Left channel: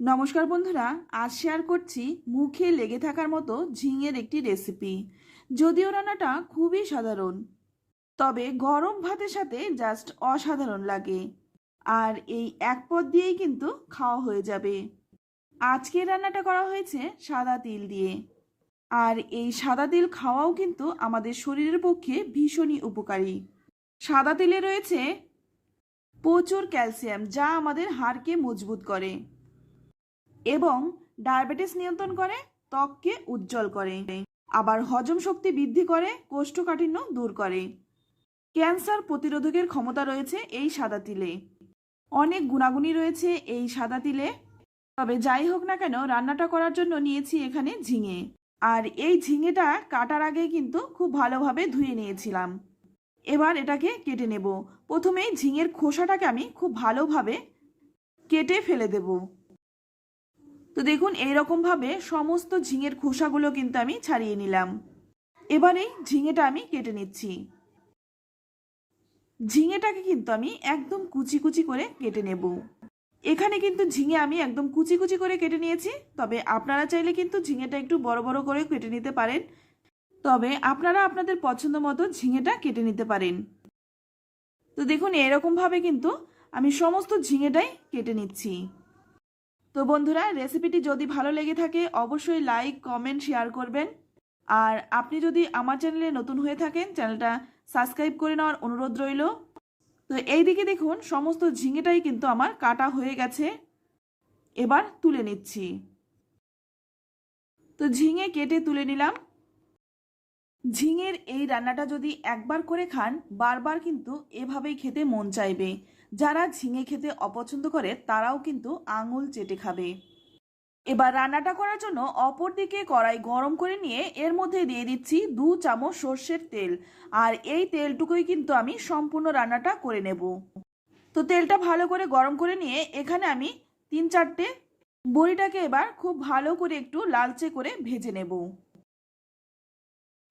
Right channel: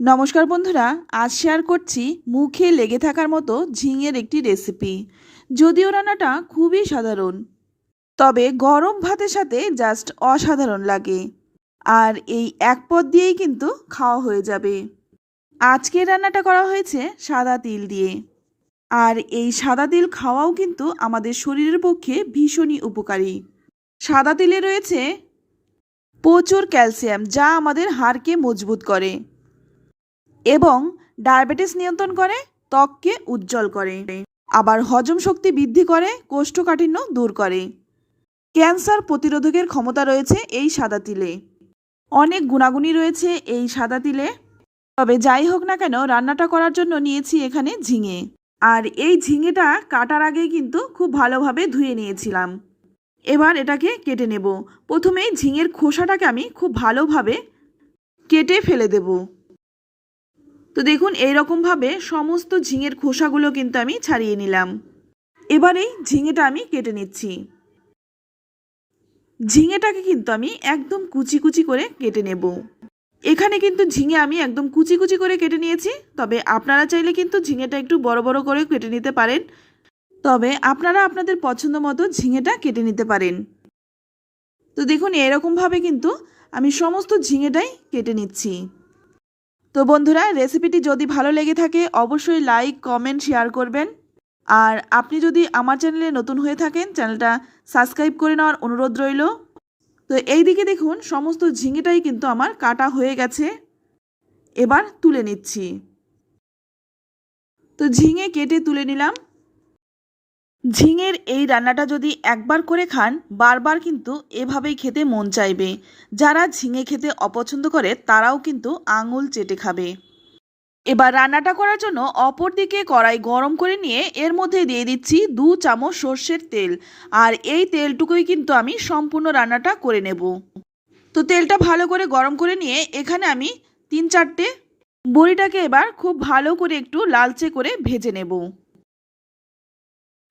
নমস্কার বন্ধুরা, আজ শেয়ার করছি মুখে লেগে থাকার মতো ঝিঙের একটি রেসিপি। যদিও রান্নাটা খুবই সাধারণ, তবে গরম ভাতের সাথে জাস্ট অসাধারণ লাগে। আর এই এক পদ দিয়েই কিন্তু খাওয়া হয়ে যাবে। আজকের রান্নাটা করা হয়েছে সাদা তিল দিয়ে। আর এই সাদা তিল খাওয়াও কিন্তু আমাদের শরীরের পক্ষে ভীষণই উপকারী। সাদা তিলে রয়েছে প্রচুর ক্যালসিয়াম, যা আমাদের হাড়কে মজবুত করে এবং ডায়াবেটিস নিয়ন্ত্রণ করে, ত্বককে উজ্জ্বল করে, আবার হজম শক্তি বৃদ্ধি করে, কোষ্ঠকাঠিন্য দূর করে। ক্যান্সার প্রতিরোধকের ক্ষমতা রয়েছে এই সাদা তিলে। অনেক গুণাগুণই রয়েছে এই সাদা তিলে। তবে যাই হোক না কেন, রান্নাটা করার জন্য নিয়েছি এখানে ঝিঙে। আর এই ঝিঙেটা কাটার আগেই কিন্তু খুব ভালোভাবে ধুয়ে নিয়েছিলাম। এবার এটাকে কেটে নেব। প্রথমেই ঝিঙের খোসাটাকে আমি খুব ভালোভাবে কেটে ফেলে দেব। তো দেখুন, এইরকমভাবে সমস্ত ঝিঙের খোসাগুলো কিন্তু আমি ছাড়িয়ে নিলাম। এবার এই ঝিঙেটা আমি কেটে নিচ্ছি। ঝিঙেটাকে কিন্তু আমি একদম কুচি কুচি করে কেটে নেব। এখানে কিন্তু ঝিঙে আমি একদম কুচি কুচি করে কেটে নিয়েছি। তবে আপনারা চাইলে কিন্তু ঝিঙেটা একটু বড় বড় করে কেটে নিতে পারেন। তবে আপনারা আপনাদের পছন্দ মতো ঝিঙেটা কেটে নিতে পারেন। তো দেখুন, এরকমভাবে কিন্তু আমি সমস্ত ঝিঙেটাই কেটে নিচ্ছি। তো বন্ধুরা, রেসিপিটি যদি ভালো লেগে থাকে অবশ্যই লাইক, কমেন্ট, শেয়ার করবেন। আর আপনি যদি আমার চ্যানেলে নতুন হয়ে থাকেন, চ্যানেলটা সাবস্ক্রাইব করে নেওয়ার অনুরোধ রইল। তো এই দিকে দেখুন, সমস্ত ঝিঙেটাই কিন্তু আমার কাটা হয়ে গেছে। এবার তুলে নিচ্ছি। তো ঝিঙে কেটে তুলে নিলাম। ঝিঙের এই রান্নাটা যদি একবার করে খান, বারবার কিন্তু এভাবেই খেতে মন চাইবে। যারা ঝিঙে খেতে অপছন্দ করে তারাও কিন্তু আঙুল চেটে খাবে। এবার রান্নাটা করার জন্য অপর দিকে কড়াই গরম করে নিয়ে এর মধ্যে দিয়ে দিচ্ছি 2 চামচ সর্ষের তেল। আর এই তেলটুকুই কিন্তু আমি সম্পূর্ণ রান্নাটা করে নেব। তো তেলটা ভালো করে গরম করে নিয়ে এখানে আমি 3-4টে বড়িটাকে এবার খুব ভালো করে একটু লালচে করে ভেজে নেব।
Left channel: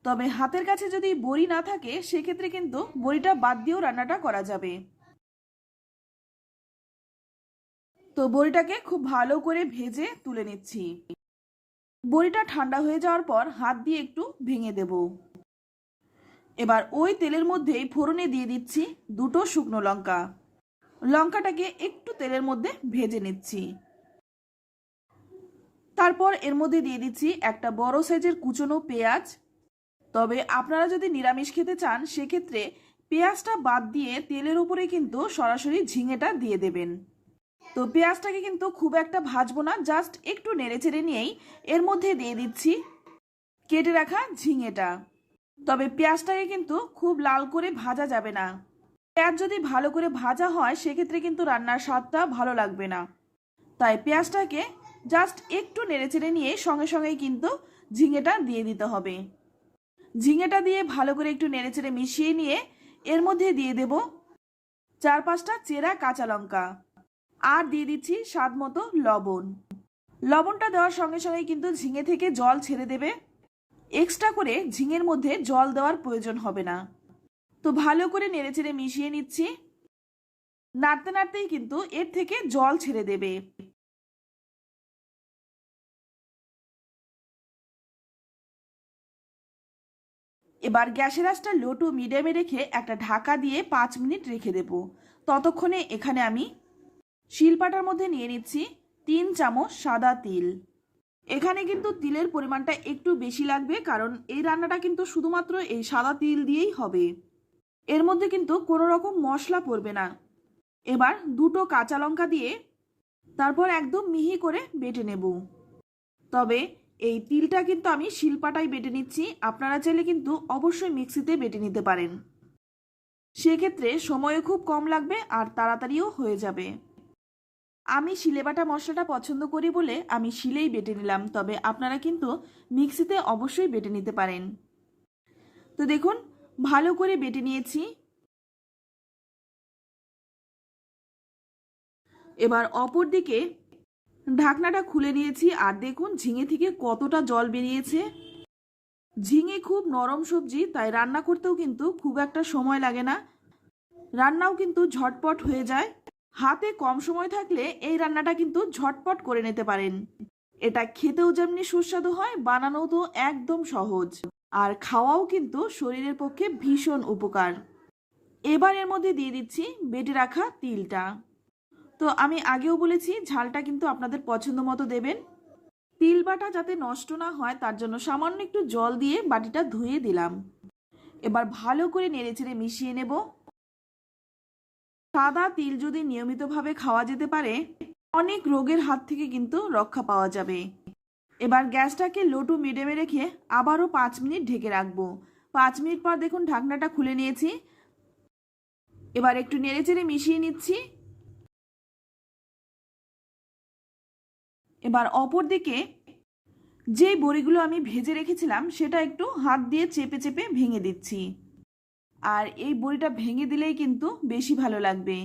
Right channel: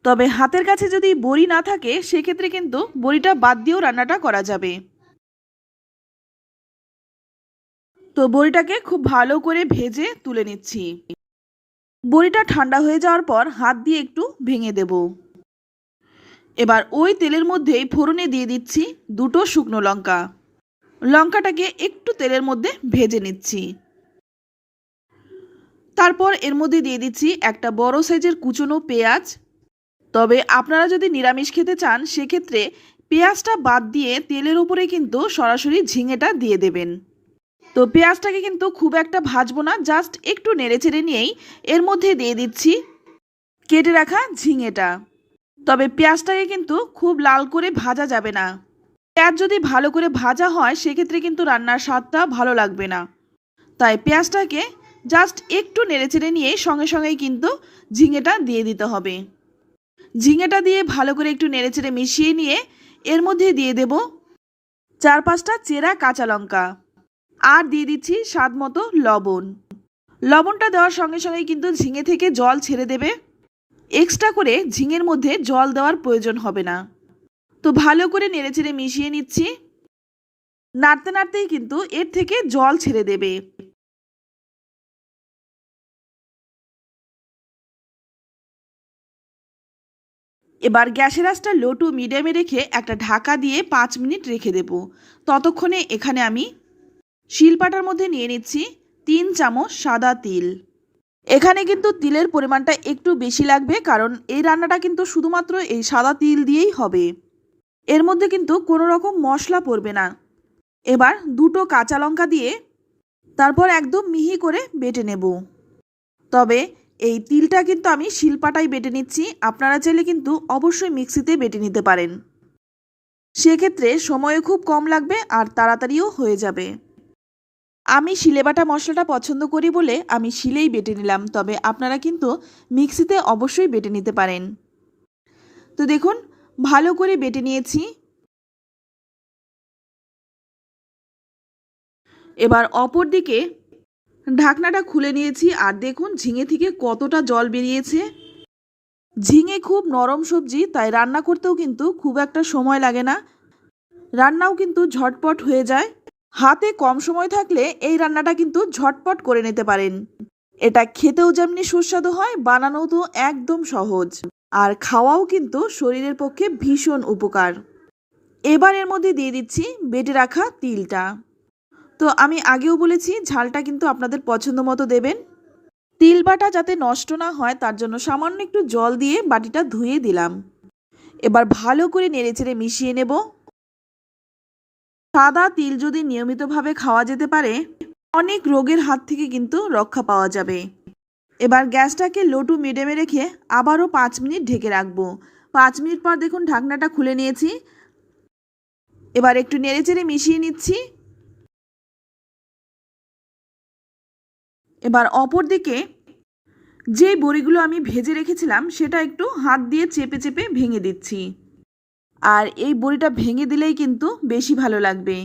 তবে হাতের কাছে যদি বড়ি না থাকে সেক্ষেত্রে কিন্তু বড়িটা বাদ দিয়েও রান্নাটা করা যাবে। তো বড়িটাকে খুব ভালো করে ভেজে তুলে নিচ্ছি। বড়িটা ঠান্ডা হয়ে যাওয়ার পর হাত দিয়ে একটু ভেঙে দেব। এবার ওই তেলের মধ্যেই ফোড়নে দিয়ে দিচ্ছি 2টো শুকনো লঙ্কা। লঙ্কাটাকে একটু তেলের মধ্যে ভেজে নিচ্ছি। তারপর এর মধ্যে দিয়ে দিচ্ছি একটা বড় সাইজের কুচনো পেঁয়াজ। তবে আপনারা যদি নিরামিষ খেতে চান সেক্ষেত্রে পেঁয়াজটা বাদ দিয়ে তেলের উপরে কিন্তু সরাসরি ঝিঙেটা দিয়ে দেবেন। তো পেঁয়াজটাকে কিন্তু খুব একটা ভাজবো না, জাস্ট একটু নেড়েচেড়ে নিয়েই এর মধ্যে দিয়ে দিচ্ছি কেটে রাখা ঝিঙেটা। তবে পেঁয়াজটাকে কিন্তু খুব লাল করে ভাজা যাবে না। পেঁয়াজ যদি ভালো করে ভাজা হয় সেক্ষেত্রে কিন্তু রান্নার স্বাদটা ভালো লাগবে না। তাই পেঁয়াজটাকে জাস্ট একটু নেড়েচেড়ে নিয়ে সঙ্গে সঙ্গেই কিন্তু ঝিঙেটা দিয়ে দিতে হবে। ঝিঙেটা দিয়ে ভালো করে একটু নেড়েচেড়ে মিশিয়ে নিয়ে এর মধ্যে দিয়ে দেব 4-5টা চেরা কাঁচা লঙ্কা। আর দিয়ে দিচ্ছি স্বাদ মতো লবণ। লবণটা দেওয়ার সঙ্গে সঙ্গেই কিন্তু ঝিঙে থেকে জল ছেড়ে দেবে। এক্সট্রা করে ঝিঙের মধ্যে জল দেওয়ার প্রয়োজন হবে না। তো ভালো করে নেড়েচেড়ে মিশিয়ে নিচ্ছি। নাড়তে নাড়তেই কিন্তু এর থেকে জল ছেড়ে দেবে। এবার গ্যাসের আঁচটা লো টু মিডিয়ামে রেখে একটা ঢাকা দিয়ে 5 মিনিট রেখে দেব। ততক্ষণে এখানে আমি শিলপাটার মধ্যে নিয়ে নিচ্ছি 3 চামচ সাদা তিল। এখানে কিন্তু তিলের পরিমাণটা একটু বেশি লাগবে, কারণ এই রান্নাটা কিন্তু শুধুমাত্র এই সাদা তিল দিয়েই হবে। এর মধ্যে কিন্তু কোনো রকম মশলা পড়বে না। এবার 2টো কাঁচা লঙ্কা দিয়ে তারপর একদম মিহি করে বেটে নেব। তবে এই তিলটা কিন্তু আমি শিলপাটায় বেটে নিচ্ছি। আপনারা চাইলে কিন্তু অবশ্যই মিক্সিতে বেটে নিতে পারেন। সেক্ষেত্রে সময়ও খুব কম লাগবে আর তাড়াতাড়িও হয়ে যাবে। আমি শিলে বাটা মশলাটা পছন্দ করি বলে আমি শিলেই বেটে নিলাম। তবে আপনারা কিন্তু মিক্সিতে অবশ্যই বেটে নিতে পারেন। তো দেখুন, ভালো করে বেটে নিয়েছি। এবার অপর দিকে ঢাকনাটা খুলে নিয়েছি আর দেখুন ঝিঙে থেকে কতটা জল বেরিয়েছে। ঝিঙে খুব নরম সবজি, তাই রান্না করতেও কিন্তু খুব একটা সময় লাগে না। রান্নাও কিন্তু ঝটপট হয়ে যায়। হাতে কম সময় থাকলে এই রান্নাটা কিন্তু ঝটপট করে নিতে পারেন। এটা খেতেও যেমনি সুস্বাদু হয়, বানানোও তো একদম সহজ, আর খাওয়াও কিন্তু শরীরের পক্ষে ভীষণ উপকার। এবার এর মধ্যে দিয়ে দিচ্ছি বেটে রাখা তিলটা। তো আমি আগেও বলেছি ঝালটা কিন্তু আপনাদের পছন্দ মতো দেবেন। তিল বাটা যাতে নষ্ট না হয় তার জন্য সামান্য একটু জল দিয়ে বাটিটা ধুয়ে দিলাম। এবার ভালো করে নেড়েচেড়ে মিশিয়ে নেব। সাদা তিল যদি নিয়মিতভাবে খাওয়া যেতে পারে, অনেক রোগের হাত থেকে কিন্তু রক্ষা পাওয়া যাবে। এবার গ্যাসটাকে লো টু মিডিয়ামে রেখে আবারও 5 মিনিট ঢেকে রাখবো। 5 মিনিট পর দেখুন ঢাকনাটা খুলে নিয়েছি। এবার একটু নেড়েচেড়ে মিশিয়ে নিচ্ছি। এবার অপর দিকে যে বড়িগুলো আমি ভেজে রেখেছিলাম সেটা একটু হাত দিয়ে চেপে চেপে ভেঙে দিচ্ছি। আর এই বড়িটা ভেঙে দিলেই কিন্তু বেশি ভালো লাগবে।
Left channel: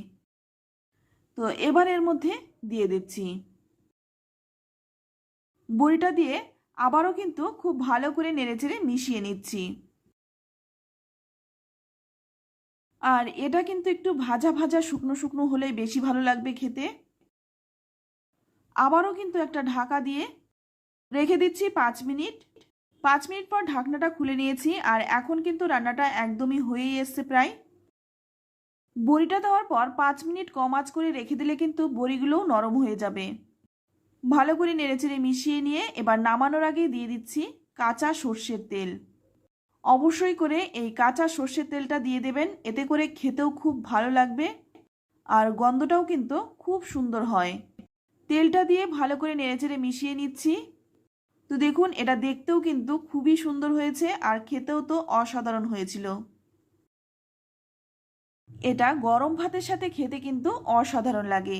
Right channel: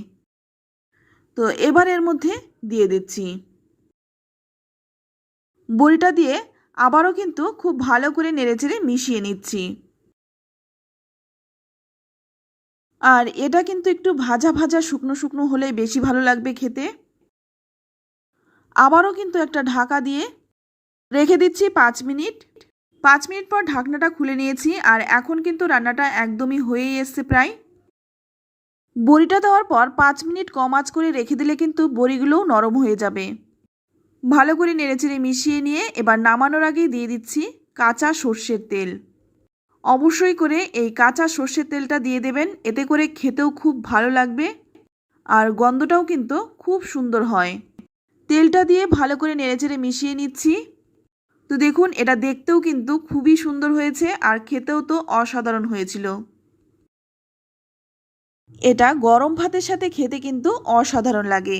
তো এবার এর মধ্যে দিয়ে দিচ্ছি। বড়িটা দিয়ে আবারও কিন্তু খুব ভালো করে নেড়েচেড়ে মিশিয়ে নিচ্ছি। আর এটা কিন্তু একটু ভাজা ভাজা শুকনো শুকনো হলেই বেশি ভালো লাগবে খেতে। আবারও কিন্তু একটা ঢাকা দিয়ে রেখে দিচ্ছি 5 মিনিট। 5 মিনিট পর ঢাকনাটা খুলে নিয়েছি, আর এখন কিন্তু রান্নাটা একদমই হয়েই এসছে প্রায়। বড়িটা দেওয়ার পর 5 মিনিট কম আঁচ করে রেখে দিলে কিন্তু বড়িগুলোও নরম হয়ে যাবে। ভালো করে নেড়েচেড়ে মিশিয়ে নিয়ে এবার নামানোর আগে দিয়ে দিচ্ছি কাঁচা সর্ষের তেল। অবশ্যই করে এই কাঁচা সর্ষের তেলটা দিয়ে দেবেন, এতে করে খেতেও খুব ভালো লাগবে আর গন্ধটাও কিন্তু খুব সুন্দর হয়। তেলটা দিয়ে ভালো করে নেড়েচেড়ে মিশিয়ে নিচ্ছি। তো দেখুন এটা দেখতেও কিন্তু খুবই সুন্দর হয়েছে আর খেতেও তো অসাধারণ হয়েছিল। এটা গরম ভাতের সাথে খেতে কিন্তু অসাধারণ লাগে।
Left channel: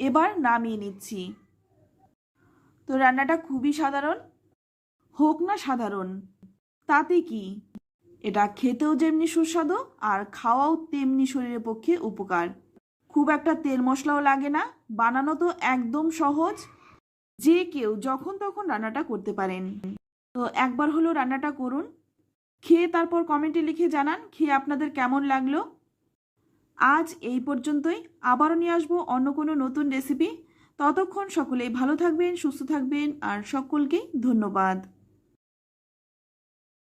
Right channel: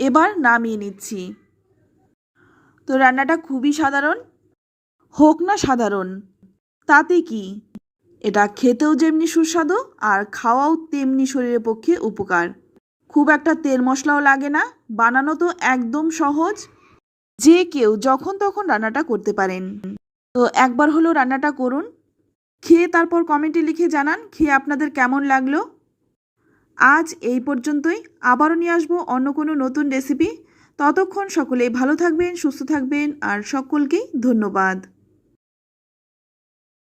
এবার নামিয়ে নিচ্ছি। তো রান্নাটা খুবই সাধারণ, হোক না সাধারণ তাতে কি, এটা খেতেও যেমনি সুস্বাদু আর খাওয়াও তেমনি শরীরের পক্ষে উপকার। খুব একটা তেল মশলাও লাগে না, বানানো তো একদম সহজ, যে কেউ যখন তখন রান্নাটা করতে পারেন। তো একবার হলো রান্নাটা করুন, খেয়ে তারপর কমেন্টে লিখে জানান খেয়ে আপনাদের কেমন লাগলো। আজ এই পর্যন্তই, আবারও নিয়ে আসবো অন্য কোনো নতুন রেসিপি। ততক্ষণ সকলেই ভালো থাকবেন, সুস্থ থাকবেন আর সকলকেই ধন্যবাদ।